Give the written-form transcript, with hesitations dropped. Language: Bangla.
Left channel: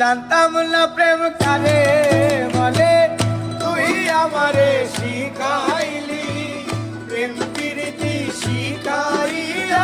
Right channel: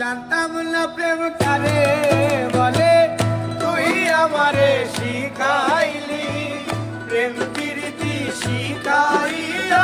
জানতাম না প্রেম কারে বলে, তুই আমারে শিখাইলি প্রেম প্রীতি শিখাইয়া।